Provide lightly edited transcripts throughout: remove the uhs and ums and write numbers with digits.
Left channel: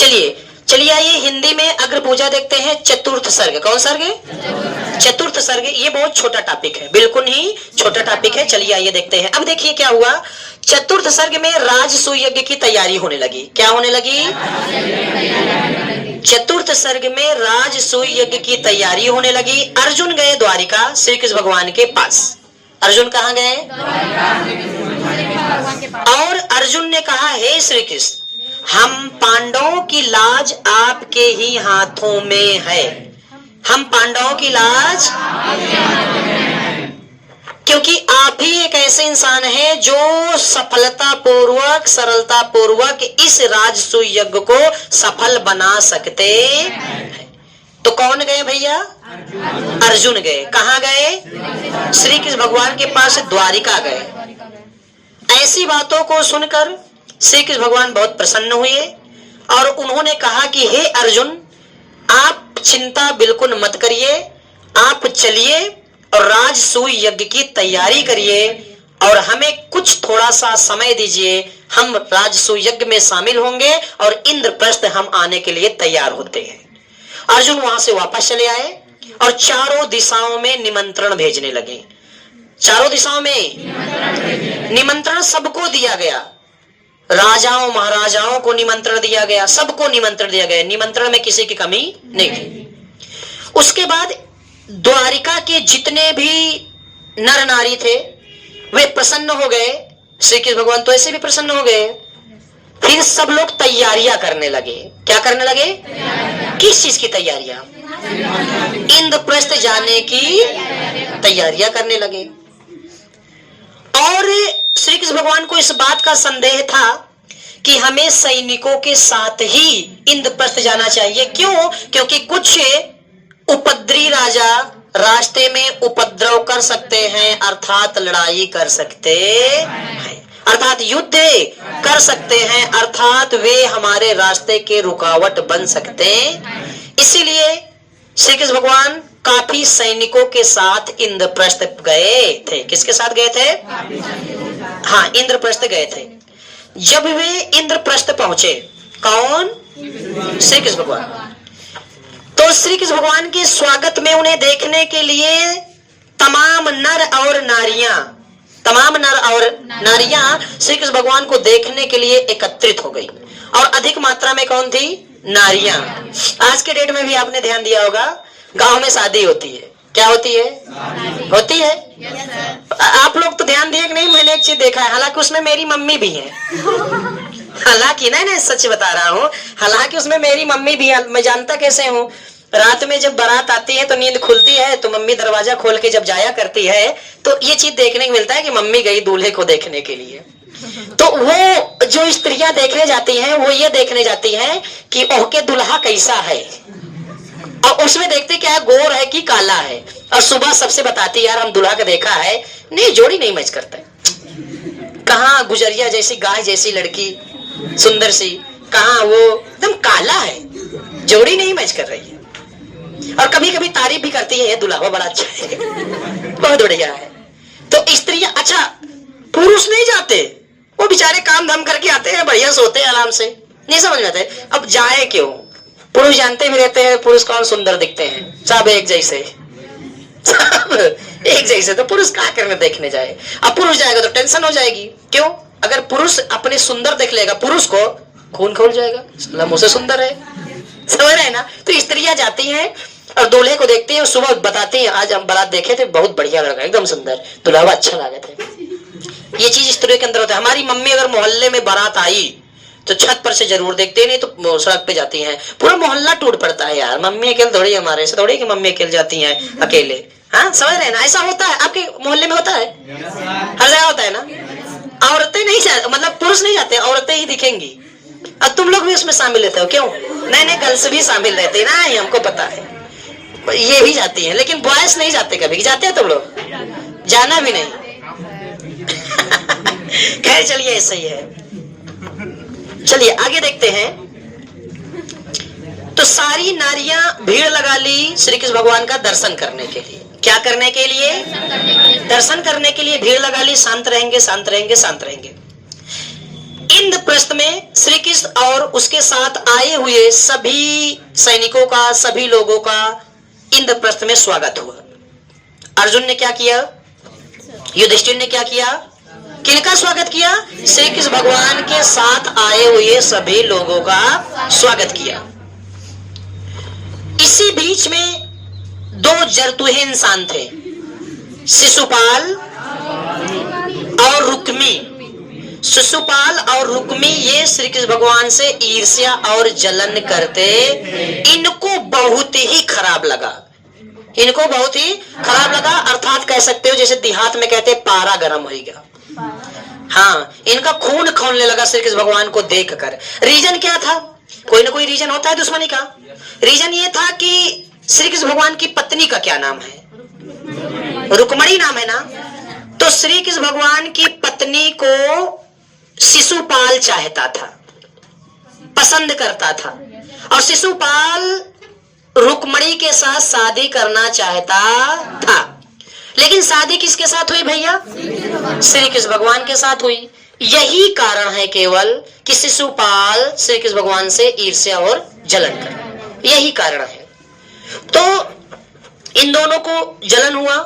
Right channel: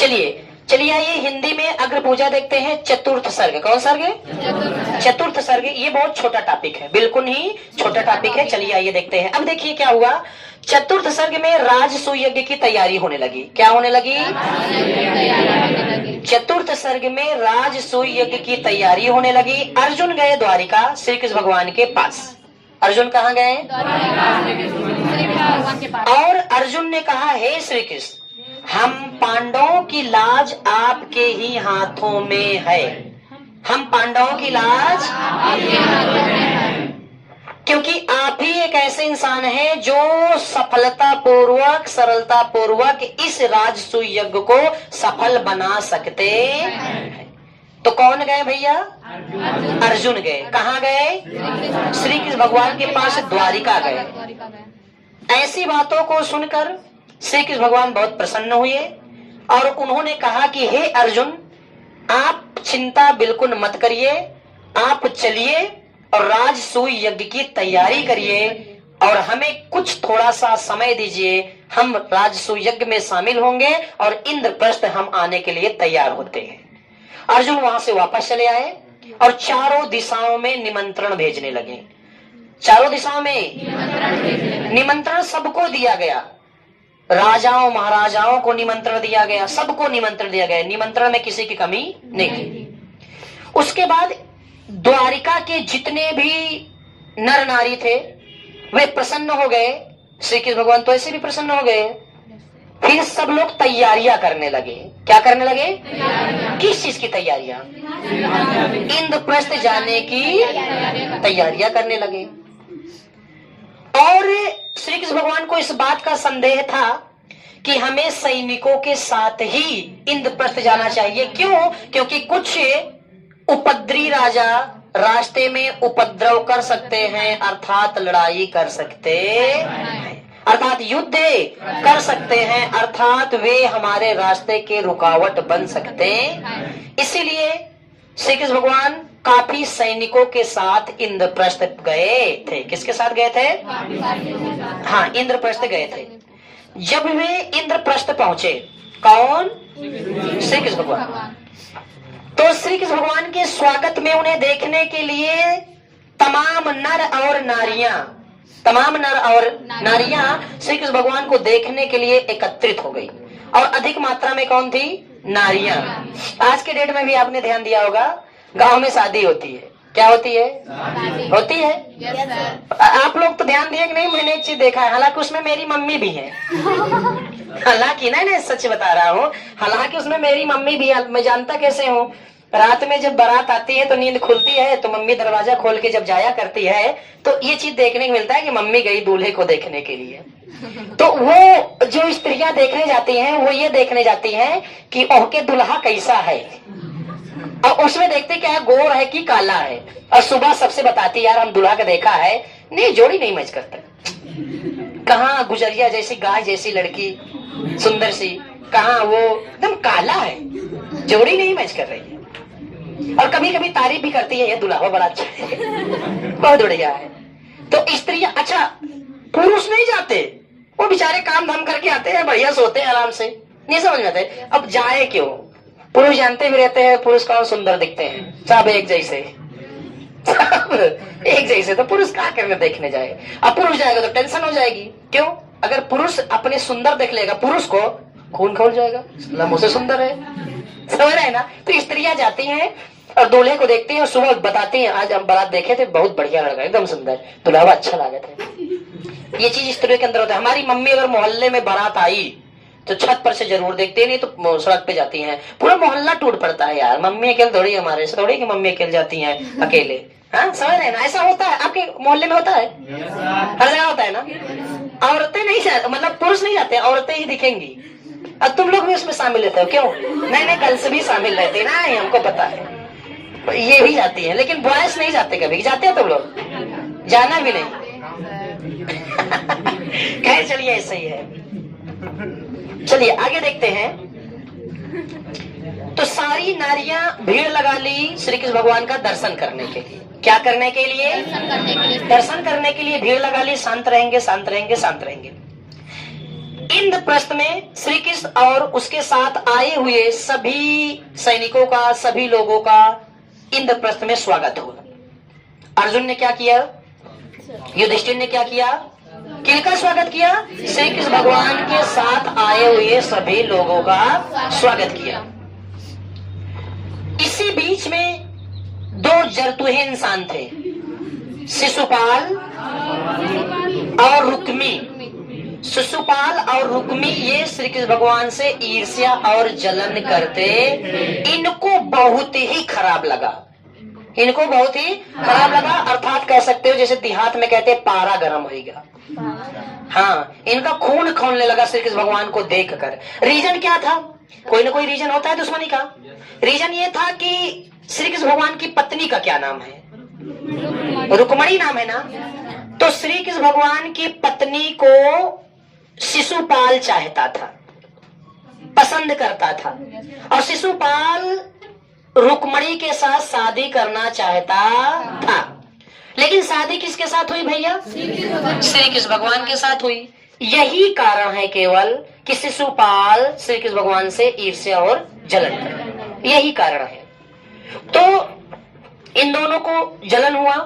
चलिए आइए हिंदी में अग्र पूजा देखते हैं। चतुर्थ सर्ग, कौन सर्ग है? चतुर्थ सर्ग। ये बहुत छोटा टॉपिक है, बिल्कुल ही छोटा टॉपिक है। चलिए आइए देखते हैं। अब देखिए क्या हुआ। चतुर्थ सर्ग में राजसूय यज्ञ की तैयारी होने लगी। क्या होने लगी? चतुर्थ सर्ग में राजसूय यज्ञ की तैयारी होने लगी। अर्जुन गए द्वारिका श्री कृष्ण भगवान के पास। अर्जुन कहाँ गए? और अर्जुन ने कहा, हे श्री कृष्ण, हम पांडवों की लाज आपके ही हाथों में है। हम पांडवों की लाज, क्योंकि आप ही एक ऐसे इंसान है जो सफलता पूर्वक, सरलता पूर्वक इस राजसूय यज्ञ को सफल बना सकते हैं। तो कौन गए भैया? अर्जुन गए। कहाँ गए? श्री कृष्ण भगवान के पास द्वारिका गए। ऐसी बातों को सुनकर श्री कृष्ण भगवान बहुत प्रसन्न हुए और उन्होंने कहा कि हे अर्जुन, आप चिंता बिल्कुल मत करिए, आप चलिए और राजसूय यज्ञ की तैयारी करिए और हमें कुछ थोड़ा सा समय दीजिए। हम राजसूय यज्ञ में शामिल होंगे और इंद्रप्रस्थ हम आने के लिए तैयार होते हैं। अर्जुन वहां से वापस चले आए और चारों दिशाओं में निमंत्रण भेजने लगे। चारों दिशाओं में निमंत्रण सबको दिया गया। राजाओं महाराजाओं को निमंत्रण दिया गया, सबको निमंत्रण दिया गया। निमंत्रण में किसी की कमी नहीं थी। उसके बाद द्वारिका के जितने भी नर नारी थे वे प्रसन्न हो गए। श्री कृष्ण भगवान तो ऐसे भी प्रसन्न हो गए। फिर सब लोग तैयारियां करने लगे। क्या करने लगे? किस चीज की तैयारियां? इंद्रप्रस्थ जाने की तैयारियां करने लगे। और श्री कृष्ण भगवान को इस बात का संदेह था कि हमें सैनिकों के साथ ही इंद्रप्रस्थ जाना चाहिए। क्यों? क्योंकि कुछ उपद्रवी राजा रास्ते में उपद्रव कर सकते हैं, अर्थात लड़ाई कर सकते हैं, अर्थात युद्ध कर सकते हैं, अर्थात वे हमारे रास्ते के रुकावट बन सकते हैं। इसीलिए श्री कृष्ण भगवान काफी सैनिकों के साथ इंद्रप्रस्थ गए थे। किसके साथ गए थे? हाँ, इंद्रप्रस्थ गए थे। जब वे इंद्रप्रस्थ पहुंचे, कौन? श्री कृष्ण भगवान। तो श्री कृष्ण भगवान के स्वागत में उन्हें देखने के लिए तमाम नर और नारियां श्री कृष्ण भगवान को देखने के लिए एकत्रित हो गई। और अधिक मात्रा में कौन थी? नारियां। आज के डेट में भी आपने ध्यान दिया होगा, गांव में शादी होती है। क्या होती है? होती है। आप लोग तो ध्यान दिए कि नहीं? मैंने एक चीज देखा है, हालांकि उसमें मेरी मम्मी भी है। हालांकि ना, सच बता रहा हूँ, हालांकि उसमें मेरी मम्मी भी है। मैं जानता कैसे हूँ? रात में जब बारात आती है तो नींद खुलती है तो मम्मी दरवाजा खोल के जब जाया करती है तो ये चीज देखने को मिलता है कि मम्मी गई दूल्हे को देखने के लिए। तो वो जो स्त्रियां देखने जाती हैं वो ये देखने जाती हैं कि ओह के दुल्हा कैसा है, और उसमें देखते क्या है, गोर है कि काला है। और सुबह सबसे बताती, यार हम दुल्हा का देखा है, नहीं जोड़ी नहीं मैच करता। कहाँ गुजरिया जैसी गाय जैसी लड़की सुंदर सी, कहाँ वो एकदम काला है, जोड़ी नहीं मैच कर रही है। और कभी कभी तारीफ भी करती है, ये दुल्हा बड़ा अच्छा है, बहुत बढ़िया है। तो स्त्रियां, अच्छा पुरुष नहीं जाते, वो बेचारे काम धाम करके आते हैं, बढ़िया सोते हैं आराम से, नहीं समझ में आते। अब जाए क्यों? पुरुष जानते भी रहते हैं पुरुष कौन सुंदर दिखते हैं, सब एक जैसे, सब एक जैसे। तो पुरुष क्या करने देखने जाए? अब पुरुष जाएगा तो टेंशन हो जाएगी। क्यों? अगर पुरुष अपने सुंदर देख लेगा, पुरुष को खून खोल जाएगा, मुझसे सुंदर है, समझ रहे हैं ना? तो स्त्रियां जाती हैं और दूल्हे को देखती हैं और सुबह बताती हैं, आज हम बारात देखे थे, बहुत बढ़िया लगा, एकदम सुंदर, दुल्हा अच्छा लगे थे। ये चीज स्त्रियों के अंदर होता है। हमारी मम्मी अगर मोहल्ले में बारात आई तो छत पर से जरूर देखते हैं, नहीं तो सड़क पे जाती हैं, पूरा मोहल्ला टूट पड़ता है। यार मम्मी अकेले थोड़ी, हमारे से थोड़ी कि मम्मी अकेले जाती हैं अकेले। हाँ, समझ रहे हैं ना? ऐसा होता है, आपके मोहल्ले में होता है, हर जगह होता है ना। औरतें नहीं जाती, मतलब पुरुष नहीं जाते, औरतें ही दिखेंगी। और तुम लोग भी उसमें शामिल रहते हो। क्यों? नए गर्ल्स भी शामिल रहते हैं ना, ये हमको पता है, ये भी जाती है, लेकिन बॉयज नहीं जाते। कभी जाते हैं तुम लोग? जाना भी नहीं। खैर चलिए, ऐसा ही है। चलिए आगे देखते हैं। तो सारी नारियां भीड़ लगा ली श्री कृष्ण भगवान का दर्शन करने के लिए। क्या करने के लिए? दर्शन करने के लिए भीड़ लगा ली। शांत रहेंगे, शांत रहेंगे, शांत रहेंगे। इंद्रप्रस्थ में श्री कृष्ण और उसके साथ आए हुए सभी सैनिकों का, सभी लोगों का इंद्रप्रस्थ में स्वागत हुआ। अर्जुन ने क्या किया, युधिष्ठिर ने क्या किया, किनका स्वागत किया, श्री कृष्ण भगवान के साथ आए हुए सभी लोगों का स्वागत किया। इसी बीच में दो जरतुहे इंसान थे, शिशुपाल और रुक्मी। शिशुपाल और रुक्मी ये श्री कृष्ण भगवान से ईर्ष्या और जलन करते। इनको बहुत ही खराब लगा, इनको बहुत ही खराब लगा, अर्थात कह सकते हो जैसे देहात में कहते पारा गर्म होगा। हाँ, इनका खून खौलने लगा श्री कृष्ण भगवान को देखकर। रीजन क्या था, कोई ना कोई रीजन होता है दुश्मनी का। रीजन ये था कि श्री कृष्ण भगवान की पत्नी का क्या नाम है, रुक्मणी नाम है ना। तो श्री कृष्ण भगवान की पत्नी को शिशुपाल चाहता था, पसंद करता था, और शिशुपाल रुक्मणी के साथ शादी करना चाहता था। लेकिन शादी किसके साथ हुई भैया, श्री कृष्ण भगवान के साथ हुई। यही कारण है केवल कि शिशुपाल श्री कृष्ण भगवान से ईर्ष्या और जलन कर, यही कारण है। तो इन दोनों को जलन हुआ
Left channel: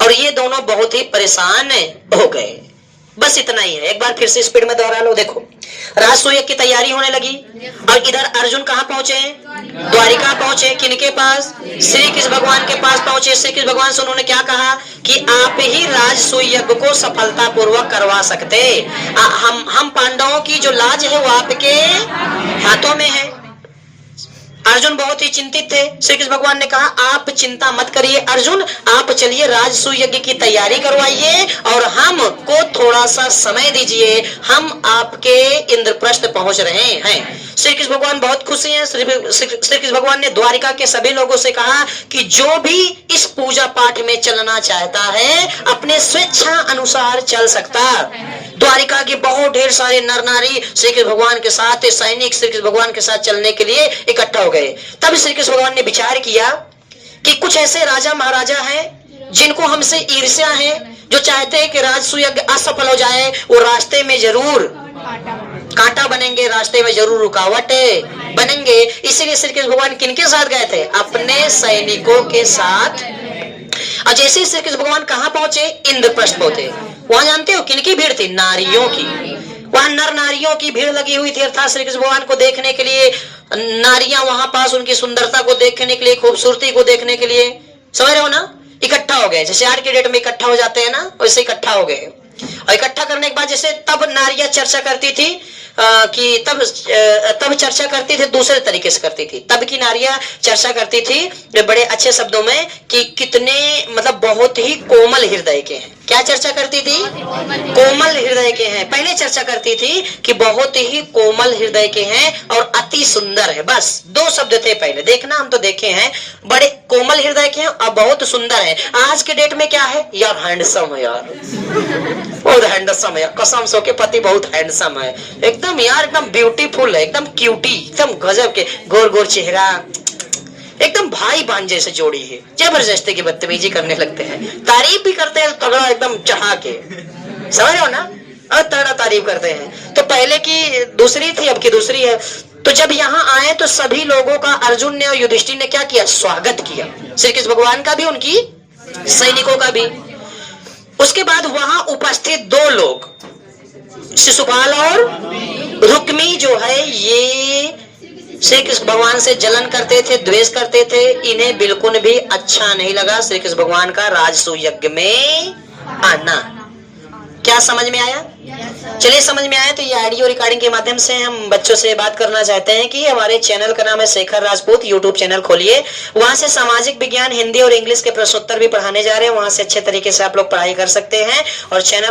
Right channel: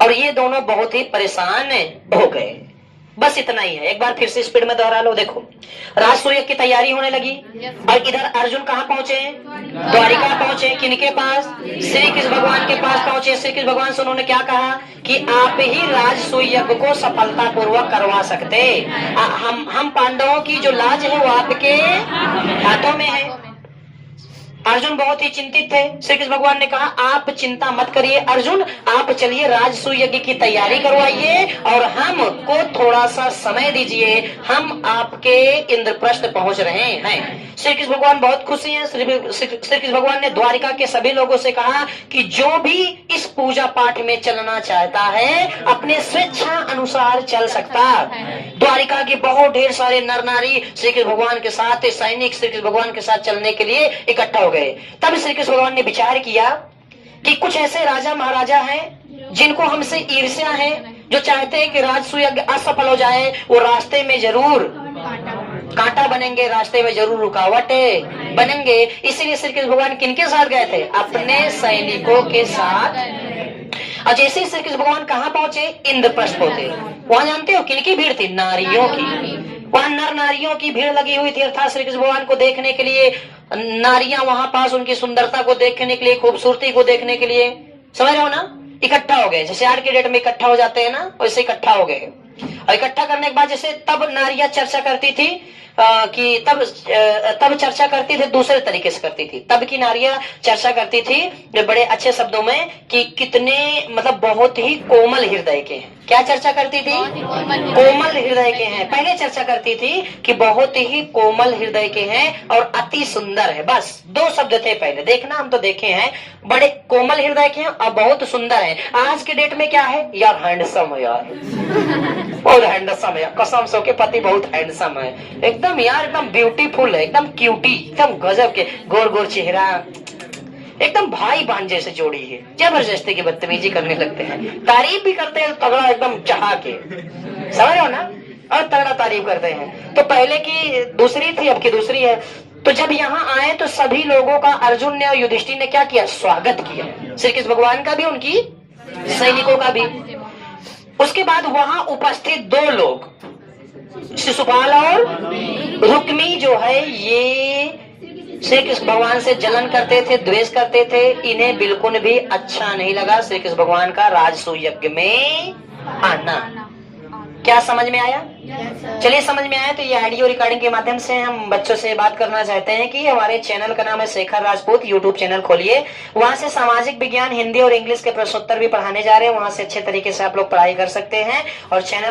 और ये दोनों बहुत ही परेशान हो गए। बस इतना ही है, एक बार फिर से स्पीड में दोहरा लो। देखो, राजसूय की तैयारी होने लगी और इधर अर्जुन कहाँ पहुंचे, द्वारिका पहुंचे। किनके पास, श्री कृष्ण भगवान के पास पहुंचे। श्री कृष्ण भगवान से उन्होंने क्या कहा कि आप ही राजसूय यज्ञ को सफलता पूर्वक करवा सकते। हम पांडवों की जो लाज है वो आपके हाथों में है। अर्जुन बहुत ही चिंतित थे। श्री कृष्ण भगवान ने कहा आप चिंता मत करिए अर्जुन, आप चलिए राजसूय यज्ञ की तैयारी करवाइए और हमको थोड़ा सा समय दीजिए, हम आपके इंद्रप्रस्थ पहुंच रहे हैं। श्री कृष्ण भगवान बहुत खुशी हैं। श्री कृष्ण भगवान ने द्वारिका के सभी लोगों से कहा कि जो भी इस पूजा पाठ में चलना चाहता है अपने स्वेच्छा अनुसार चल सकता। द्वारिका के बहुत ढेर सारे नर नारी श्री कृष्ण भगवान के साथ, सैनिक श्री कृष्ण भगवान के साथ चलने के लिए इकट्ठा हो गए। तब श्री कृष्ण भगवान ने विचार किया कि कुछ ऐसे राजा महाराजा हैं जिनको हमसे ईर्ष्या है, जो चाहते हैं कि राजसूय यज्ञ असफल हो जाए, वो रास्ते में जरूर कांटा बनेंगे, रास्ते में जरूर रुकावट बनेंगे। इसीलिए श्री कृष्ण भगवान किनके साथ गए थे, अपने सैनिकों के साथ। और जैसे ही श्री कृष्ण भगवान कहाँ पहुंचे, इंद्रप्रस्थ पहुंचे। वहां जानते हो किनकी भीड़ थी, नारियों की। वहां नर नारियों की भीड़ लगी हुई थी, अर्थात श्री कृष्ण भगवान को देखने के लिए नारियां वहां पास उनकी सुंदरता को देखने के लिए, खूबसूरती को देखने के लिए, समझ रहे हो ना, इकट्ठा हो गए। जैसे आज के डेट में इकट्ठा हो जाते हैं ना, वैसे इकट्ठा हो गए। और इकट्ठा करने के बाद जैसे तब नारियां चर्चा करती थी कि तब चर्चा करती थी, दूसरे तरीके से करती थी। तब की नारियां चर्चा करती थी बड़े अच्छे शब्दों में कि कितने मतलब बहुत ही कोमल हृदय के हैं। क्या चर्चा करती थी, कोमल हृदय के हैं। पहले चर्चा करती थी कि बहुत ही कोमल हृदय के हैं और अति सुंदर है। बस दो शब्द थे पहले, देखना हम तो देखे हैं, बड़े कोमल हृदय के हैं और बहुत सुंदर है। आज के डेट में क्या है यार, हैंडसम है यार, बहुत हैंडसम है, कसम सो के पति बहुत हैंडसम है, एकदम यार एकदम ब्यूटीफुल है, एकदम क्यूटी, एकदम गजब के, गोर गोर चेहरा, एकदम भाई बहन जैसे जोड़ी है। जबरदस्ती की बदतमीजी करने लगते हैं, तारीफ भी करते हैं तगड़ा एकदम चाह के, समझ रहे हो ना, और तगड़ा तारीफ करते हैं। तो पहले की दूसरी थी, अब की दूसरी है। तो जब यहाँ आए तो सभी लोगों का अर्जुन ने और युधिष्ठिर ने क्या किया, स्वागत किया, श्री कृष्ण भगवान का भी, उनकी सैनिकों का भी। उसके बाद वहां उपस्थित दो लोग, शिशुपाल और रुक्मी जो है, ये श्री कृष्ण भगवान से जलन करते थे, द्वेष करते थे। इन्हें बिल्कुल भी अच्छा नहीं लगा श्री कृष्ण भगवान का राजसूय यज्ञ में आना। क्या समझ में आया? चलिए समझ में आया तो ये ऑडियो रिकॉर्डिंग के माध्यम से हम बच्चों से बात करना चाहते हैं कि हमारे चैनल का नाम है शेखर राजपूत, यूट्यूब चैनल खोलिए, वहां से सामाजिक विज्ञान, हिंदी और इंग्लिश के प्रश्नोत्तर भी पढ़ाने जा रहे हैं, वहां से अच्छे तरीके से आप लोग पढ़ाई कर सकते हैं। और चैनल